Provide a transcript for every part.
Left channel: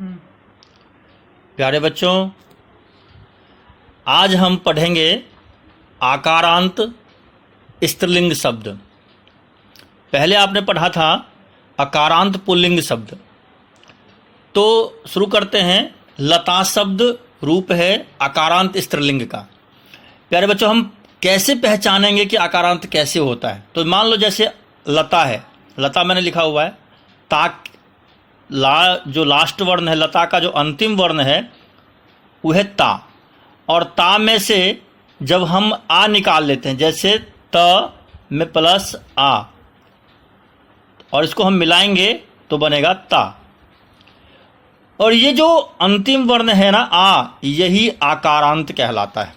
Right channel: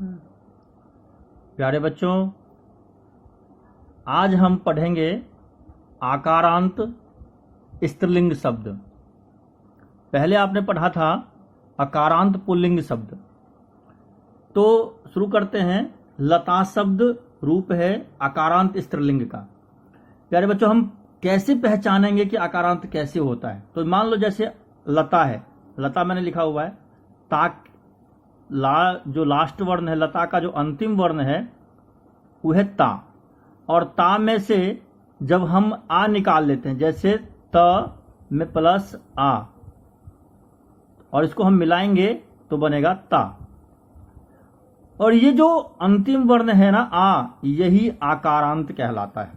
प्यारे बच्चों, आज हम पढ़ेंगे आकारांत स्त्रीलिंग शब्द। पहले आपने पढ़ा था अकारांत पुल्लिंग शब्द। तो शुरू करते हैं। लता शब्द रूप है आकारांत स्त्रीलिंग का। प्यारे बच्चों, हम कैसे पहचानेंगे कि आकारांत कैसे होता है? तो मान लो जैसे लता है, लता मैंने लिखा हुआ है, ताक जो लास्ट वर्ण है, लता का जो अंतिम वर्ण है वो है ता, और ता में से जब हम आ निकाल लेते हैं, जैसे त में प्लस आ, और इसको हम मिलाएंगे तो बनेगा ता। और ये जो अंतिम वर्ण है ना आ, यही आकारांत कहलाता है।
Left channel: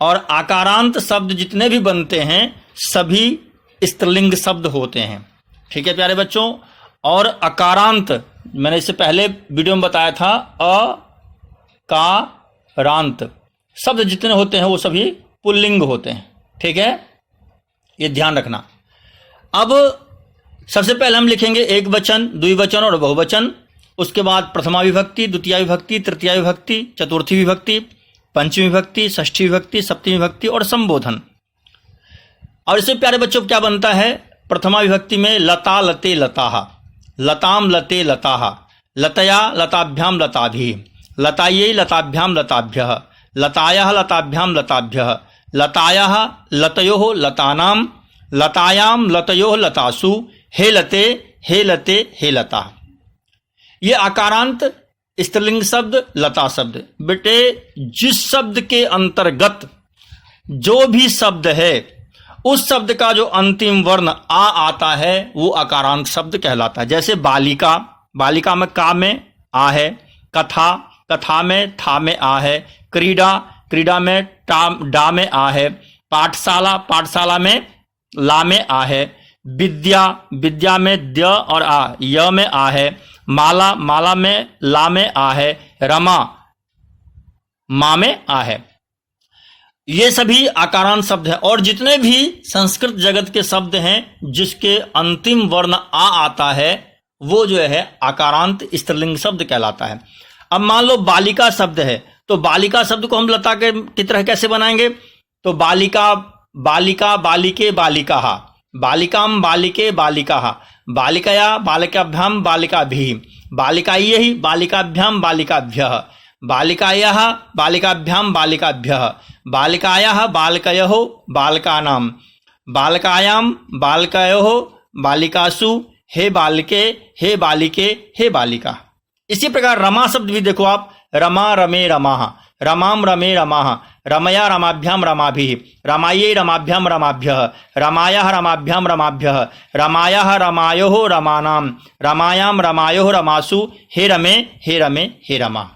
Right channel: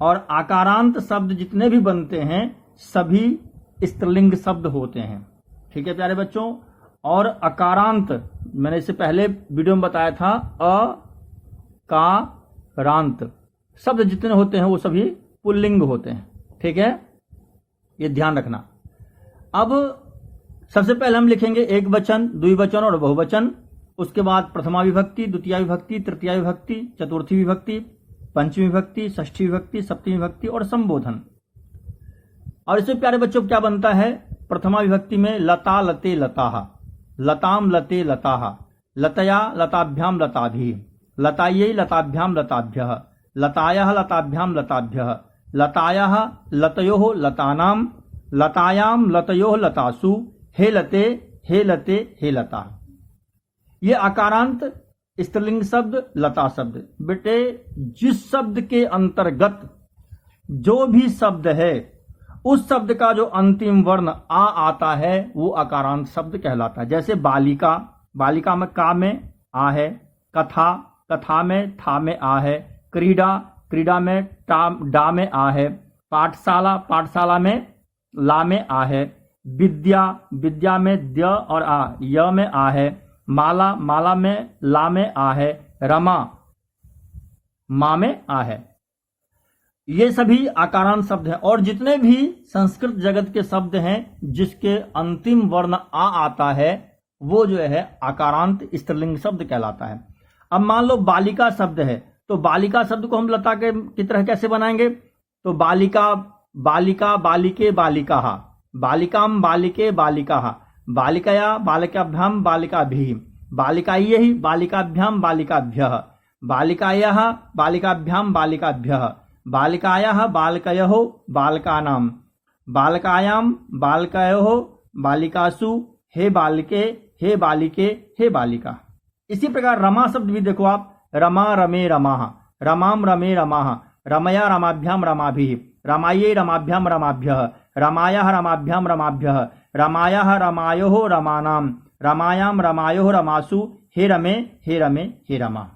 और आकारांत शब्द जितने भी बनते हैं सभी स्त्रीलिंग शब्द होते हैं। ठीक है प्यारे बच्चों। और अकारांत मैंने इससे पहले वीडियो में बताया था, अकारांत शब्द जितने होते हैं वो सभी पुल्लिंग होते हैं। ठीक है, ये ध्यान रखना। अब सबसे पहले हम लिखेंगे एक वचन, द्विवचन और बहुवचन। उसके बाद प्रथमा विभक्ति, द्वितीय विभक्ति, तृतीय विभक्ति, चतुर्थी विभक्ति, पंचमी विभक्ति, षष्ठी विभक्ति, सप्तमी विभक्ति और संबोधन। और इससे प्यारे बच्चों क्या बनता है? प्रथमा विभक्ति में लता लते लताहा, लताम लते लताहा, लतया लताभ्याम लताभिः, लतायै लताभ्याम लताभ्यः, लतायाः लताभ्याम लताभ्यः, लतायाः लतयोः लतानां, लतायां लतयोः लतासु, हे लते हे लते हे लता। ये आकारांत स्त्रीलिंग शब्द लता शब्द। बेटे, जिस शब्द के अंतर्गत जो भी शब्द है उस शब्द का जो अंतिम वर्ण आ आता है वो आकारांत शब्द कहलाता है। जैसे बालिका, बालिका में का में आ है, कथा, कथा में था में आ है, क्रीड़ा, क्रीड़ा में डा में आ है, पाठशाला, पाठशाला में ला में आ है, विद्या, विद्या में द्य और आ, य में आ है, माला, माला में ला में आ है, रमा, मा में आ है। ये सभी आकारांत शब्द हैं। और जितने भी संस्कृत जगत के शब्द हैं जिसके अंतिम वर्ण आ आता है वो जो है आकारांत स्त्रीलिंग शब्द कहलाता है। अब मान लो बालिका शब्द है, तो बालिका शब्द को हम लता के की तरह कैसे बनाएंगे? तो बालिका, बालिका, बालिके, बालिकाहा, बालिकाम, बालिके, बालिकाहा, बालिकया, बालिकाभ्याम, बालिकाभिः, बालिकायै, बालिकाभ्याम, बालिकाभ्यः, बालिकायाः, बालिकाभ्याम, बालिकाभ्यः, बालिकायाः, बालकयोः, बालकानां, बालकायां, बालकयोः, बालिकासु, हे बालिके, हे बालिके, हे बालिका। इसी प्रकार रमा शब्द भी देखो आप, रमा रमे रमाः, रमाम रमे रमाः, रमया रमाभ्याम रमाभिः, रमायै रमाभ्याम रमाभ्यः, रमायाः रमाभ्याम रमाभ्यः, रमायाः रमायोः रमानां, रमायां रमायोः रमासु, हे रमे हे रमे हे रमा।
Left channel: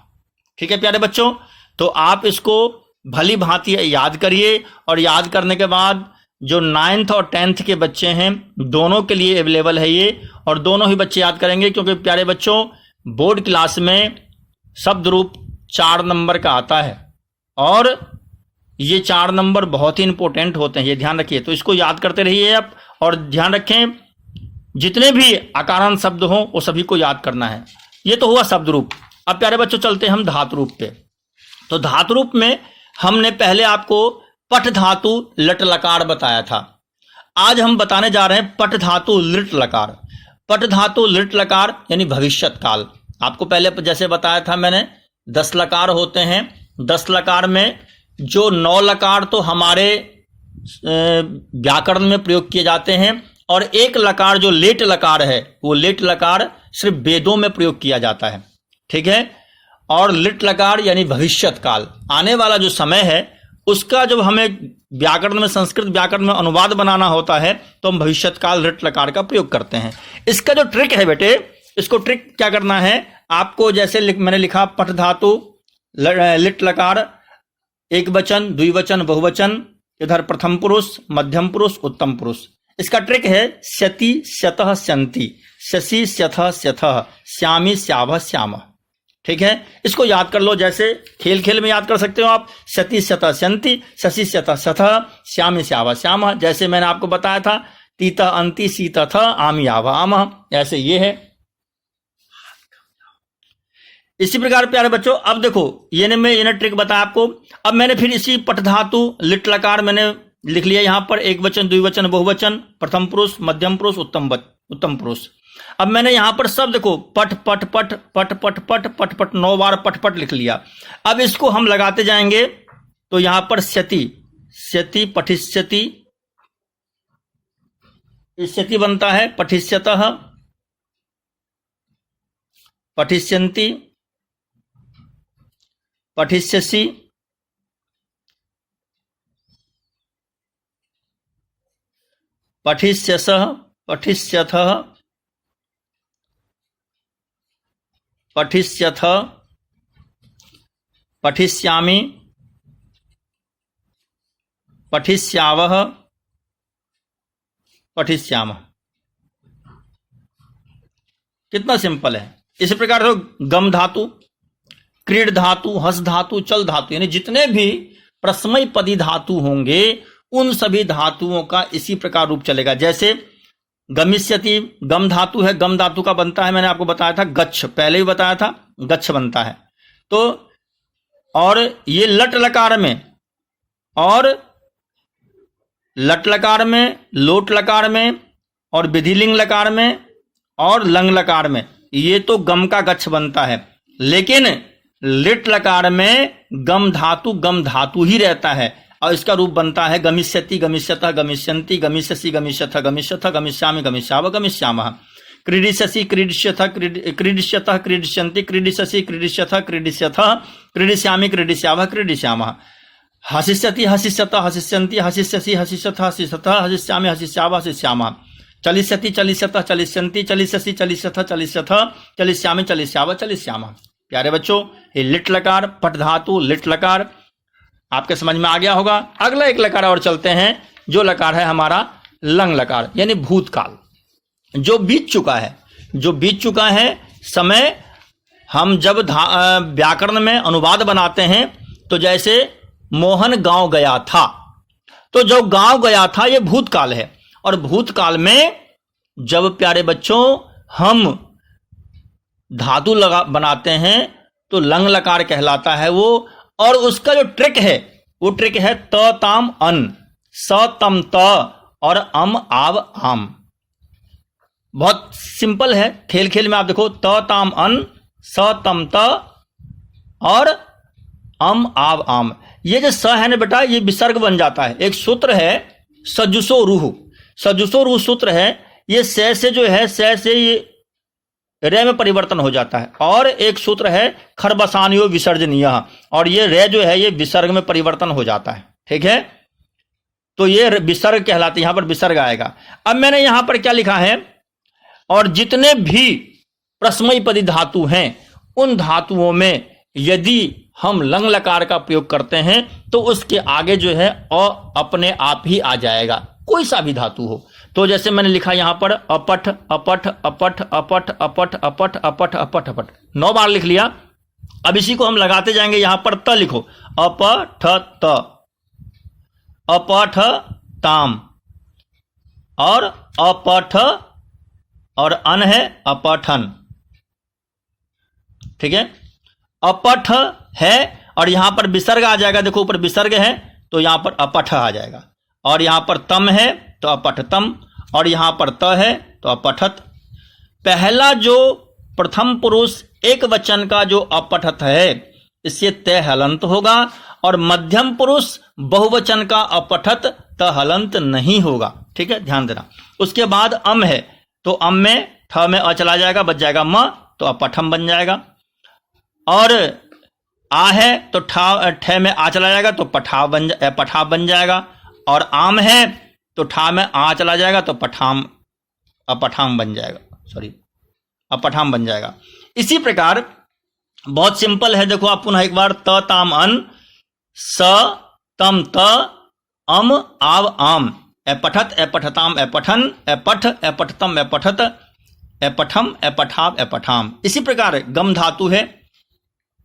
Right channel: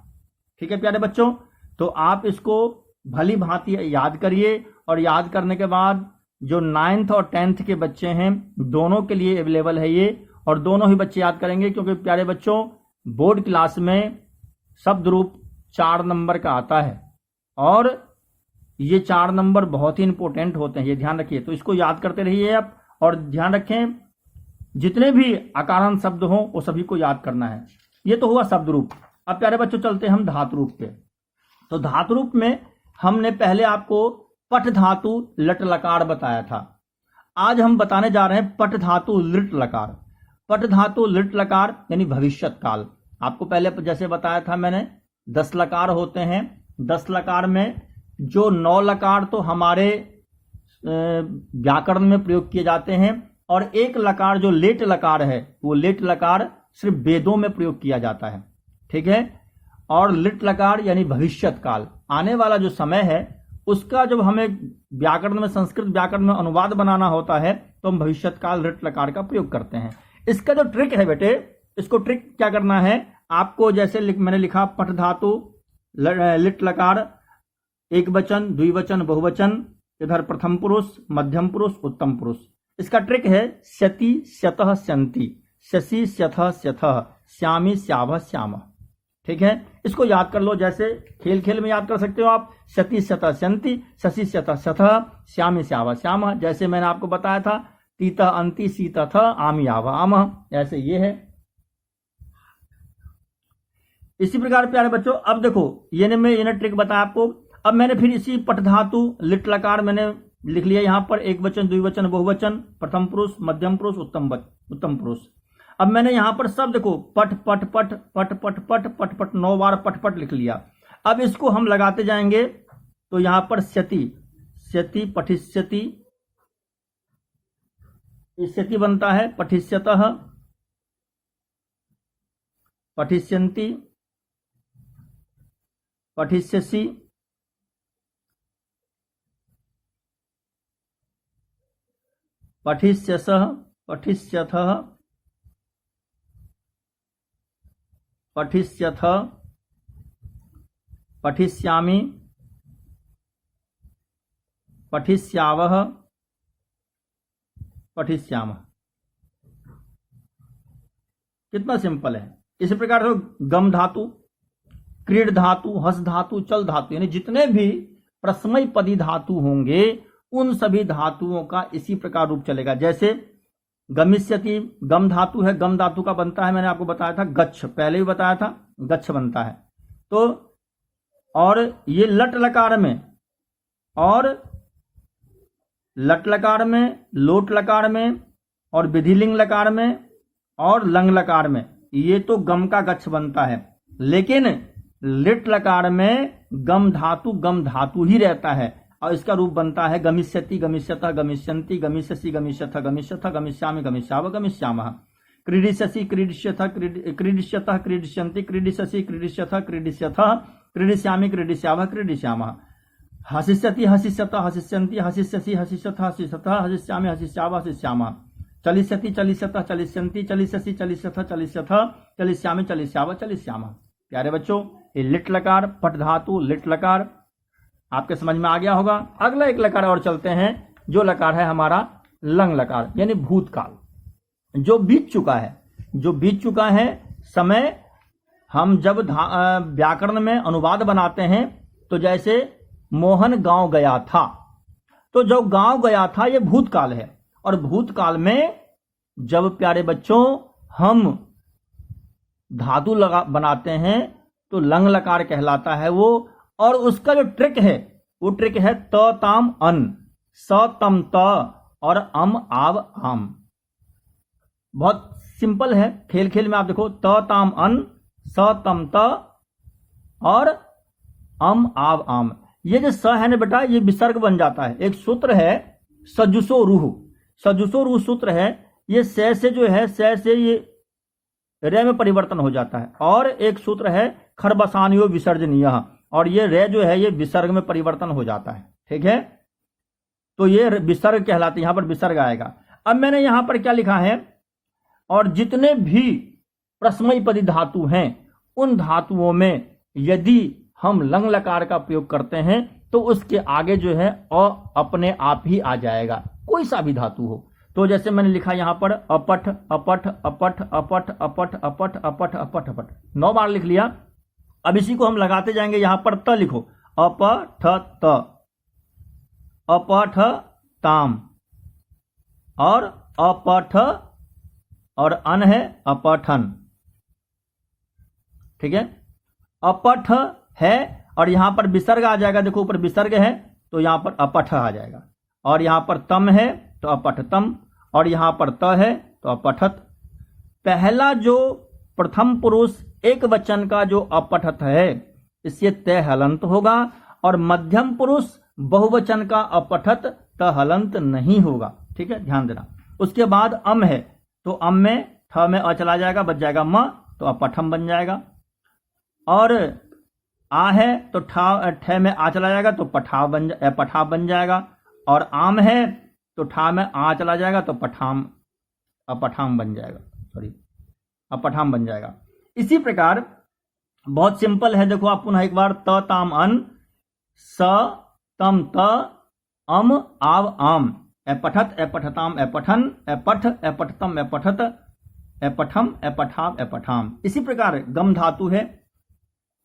ठीक है प्यारे बच्चों, तो आप इसको भली भांति याद करिए। और याद करने के बाद जो 9th और 10th के बच्चे हैं दोनों के लिए अवेलेबल है ये, और दोनों ही बच्चे याद करेंगे। क्योंकि प्यारे बच्चों, बोर्ड क्लास में शब्द रूप 4 नंबर का आता है और ये 4 नंबर बहुत ही इंपॉर्टेंट होते हैं, ये ध्यान रखिए। तो इसको याद करते रहिए आप, और ध्यान रखें जितने भी आकारांत शब्द हों वो सभी को याद करना है। ये तो हुआ शब्द रूप। अब प्यारे बच्चों चलते हैं हम धातु रूप पे। तो धातु रूप में हमने पहले आपको पठ धातु लट लकार बताया था। आज हम बताने जा रहे हैं पठ धातु लिट लकार। पठ धातु लिट लकार यानी भविष्यत काल। आपको पहले जैसे बताया था मैंने 10 लकार होते हैं। 10 लकार में जो 9 लकार तो हमारे व्याकरण में प्रयोग किए जाते हैं, और एक लकार जो लेट लकार है वो लेट लकार सिर्फ वेदों में प्रयोग किया जाता है। ठीक है। और लिट लकार यानी भविष्यत काल, आने वाला जो समय है उसका जब हमें व्याकरण में, संस्कृत व्याकरण में अनुवाद बनाना होता है तो हम भविष्यत काल लिट लकार का प्रयोग करते हैं। इसका जो ट्रिक है बेटे, इसको ट्रिक क्या करना है आपको, जैसे मैंने लिखा पठ धातु लिट लकार, एक वचन, द्विवचन, बहुवचन, इधर प्रथम पुरुष, मध्यम पुरुष, उत्तम पुरुष। इसका ट्रिक है स्यति स्यतः स्यन्ति, शशि स्यथः स्यथः, श्यामी श्यावः श्यामः। ठीक है, इसको याद कर लो। जैसे खेल खेल में याद कर सकते हो आप, सती शत शंति, शशि शत शथ, श्याम श्याव श्याम। जैसे मैंने आपको बताया था, तीत अंति शीत थ, आम याव आम, ऐसे ये है। इसी प्रकार प्यारे बच्चों, अब देखो ये ट्रिक बताया आपको। अब मैंने फिर इसी पट धातु लिट लकार मैंने लिख लिया यहाँ पर, एक वचन, द्विवचन, बहुवचन, प्रथम पुरुष, मध्यम पुरुष, उत्तम पुरुष। अब मैंने यहाँ पर सब देखो पट पट पट पट पट पट पट पट 9 बार पट पट लिख लिया। अब इसको हम लगाते जाएंगे तो यहाँ पर स्यति, स्यति, पठिष्यति, स्यति बनता है, पठिष्यतः, पठिष्यन्ति, पठिष्यसि, पठिष्यसः, पठिष्यथः, पठिष्यथ, पठिष्यामि, पठिष्यावः, पठिष्यामः। कितना सिंपल है। इसी प्रकार से गम धातु, क्रीड धातु, हस धातु, चल धातु, यानी जितने भी प्रश्मयी पदी धातु होंगे उन सभी धातुओं का इसी प्रकार रूप चलेगा। जैसे गमिष्यति, गम धातु है, गम धातु का बनता है, मैंने आपको बताया था गच्छ, पहले ही बताया था, गच्छ बनता है। तो और ये लट लकार में, और लट लकार में, लोट लकार में, और विधिलिंग लकार में, और लंग लकार में, ये तो गम का गच्छ बनता है। लेकिन लिट लकार में गम धातु ही रहता है, और इसका रूप बनता है गमिष्यति, गमिष्यतः, गमिष्यन्ति, गमिष्यसि, गमिष्यथ, गमिष्यथ, गमिष्यामि, गमिष्यावः, गमिष्यामः। क्रीडिष्यसि, क्रीडिष्यथ, क्रीडिष्यतः, क्रीडिष्यन्ति, क्रीडिष्यसि, क्रीडिष्यथ, क्रीडिष्यथः, क्रीडिष्यामि, क्रीडिष्यावः, क्रीडिष्यामः। हसिष्यति, हसिष्यतः, हसिष्यन्ति, हसिष्यसि, हसिष्यथ, हसिष्यथः, हसिष्यामि, हसिष्यावः, हसिष्यामः। चलिष्यति, चलिष्यतः, चलिष्यन्ति, चलिष्यसि, चलिष्यथ, चलिष्यथः, चलिष्यामि, चलिष्यावः, चलिष्यामः। प्यारे बच्चों, ये लिट लकार, पट धातु, लिट लकार आपके समझ में आ गया होगा। अगला एक लकार और चलते हैं, जो लकार है हमारा लंग लकार, यानी भूतकाल, जो बीत चुका है, जो बीत चुका है समय। हम जब व्याकरण में अनुवाद बनाते हैं तो जैसे मोहन गांव गया था, तो जो गांव गया था ये भूतकाल है। और भूतकाल में जब प्यारे बच्चों हम धातु बनाते हैं तो लंग लकार कहलाता है वो। और उसका जो ट्रिक है वो ट्रिक है त ताम अन, स तम त और अम आव आम। बहुत सिंपल है, खेल खेल में आप देखो, त ताम अन, स तम त और अम आव आम। ये जो स है ना बेटा, ये विसर्ग बन जाता है। एक सूत्र है सजुसो रूह, सजुसो रूह सूत्र है। ये से जो है, से ये रे में परिवर्तन हो जाता है। और एक सूत्र है खरबसानियो विसर्जनीय, और ये रे जो है ये विसर्ग में परिवर्तन हो जाता है। ठीक है, तो ये विसर्ग कहलाते, यहां पर विसर्ग आएगा। अब मैंने यहां पर क्या लिखा है, और जितने भी प्रश्मयी पदी धातु हैं उन धातुओं में यदि हम लंग लकार का प्रयोग करते हैं तो उसके आगे जो है अ अपने आप ही आ जाएगा, कोई सा भी धातु हो। तो जैसे मैंने लिखा यहां पर अपठ अपठ अपठ अपठ अपठ अपठ अपठ अपठ अपठ, 9 बार लिख लिया। अब इसी को हम लगाते जाएंगे। यहां पर त लिखो, अपठ त, अपठ ताम, और अपठ और अन है अपठन। ठीक है, अपठ है और यहां पर विसर्ग आ जाएगा। देखो ऊपर विसर्ग है तो यहां पर अपठ आ जाएगा, और यहां पर तम है तो अपठतम, और यहां पर त है तो अपठत। पहला जो प्रथम पुरुष एक वचन का जो अपठत है इससे त हलंत होगा, और मध्यम पुरुष बहुवचन का अपठत त हलंत नहीं होगा। ठीक है, ध्यान देना। उसके बाद अम है तो अम में ठ में अ चला जाएगा, बच जाएगा म, तो अपठम बन जाएगा। और आ है तो ठ में आ चला जाएगा तो पठा बन जाएगा। और आम है तो ठा में आ चला जाएगा तो अपठाम बन जाएगा, अपठाम बन जाएगा। इसी प्रकार बहुत सिंपल है, देखो आप पुनः एक बार, त ताम अन, स तम त, अम आव आम, अपठत अपठताम अपठन, अपठ अपठतम अपठत, अपठम अपठाव अपठाम। इसी प्रकार गम धातु है,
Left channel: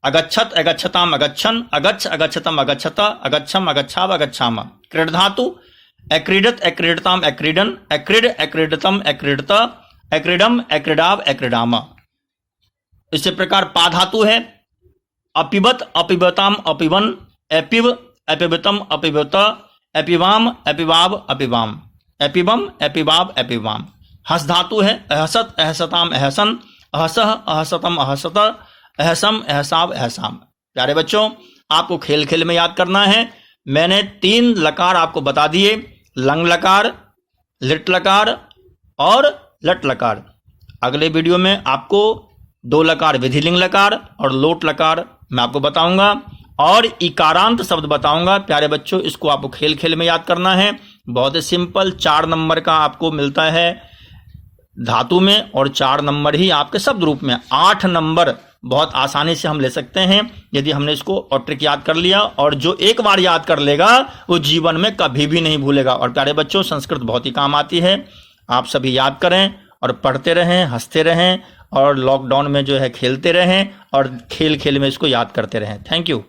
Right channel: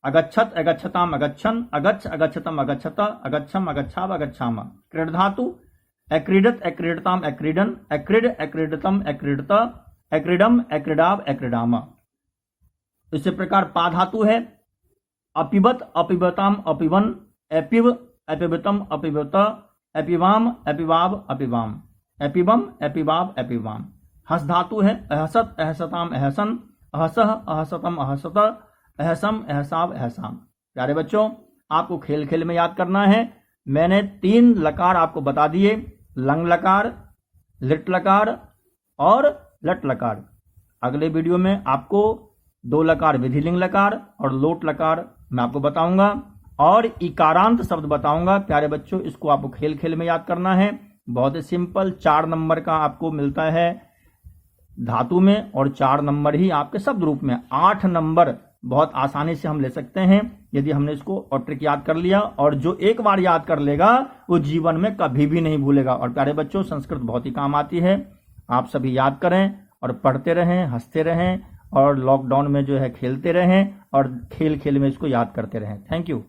अगच्छत अगच्छताम अगच्छन, अगच्छ अगच्छतम अगच्छत, अगच्छम अगच्छाव अगच्छाम। क्रीड धातु, अक्रीडत अक्रीडताम अक्रीडन, अक्रीड अक्रीडतम अक्रीडत, अक्रीडम अक्रीडाव अक्रीडाम। इसी प्रकार पा धातु है, अपिबत, अपिबताम, अपिवन, एपिव, एपिबतम, अपिबत, एपिवाम, एपिवाब, अपिवाम, एपिबम, एपिवाब, एपिवाम। हस धातु है, अहसत, अहसताम, अहसन, अहसह, अहसतम, अहसत, अहसम, अहसाब, अहसाम। प्यारे बच्चों, आपको खेल खेल में याद करना है। मैंने 3 लकार आपको बता दिए, लंग लकार, लिट लकार और लट लकार। अगले वीडियो में आपको 2 लकार विधिलिंग लकार और लोट लकार मैं आपको बताऊंगा और इकारांत शब्द बताऊंगा। प्यारे बच्चों, इसको आपको खेल खेल में याद करना है। बहुत ही सिंपल, 4 नंबर का आपको मिलता है धातु में और 4 नंबर ही आपके शब्द रूप में। 8 नंबर बहुत आसानी से हम ले सकते हैं यदि हमने इसको और ट्रिक याद कर लिया, और जो एक बार याद कर लेगा वो जीवन में कभी भी नहीं भूलेगा। और प्यारे बच्चों, संस्कृत बहुत ही काम आती है, आप सभी याद करें और पढ़ते रहें, हंसते रहें और लॉकडाउन में जो है खेलते रहें और खेल खेल में इसको याद करते रहें। Thank you.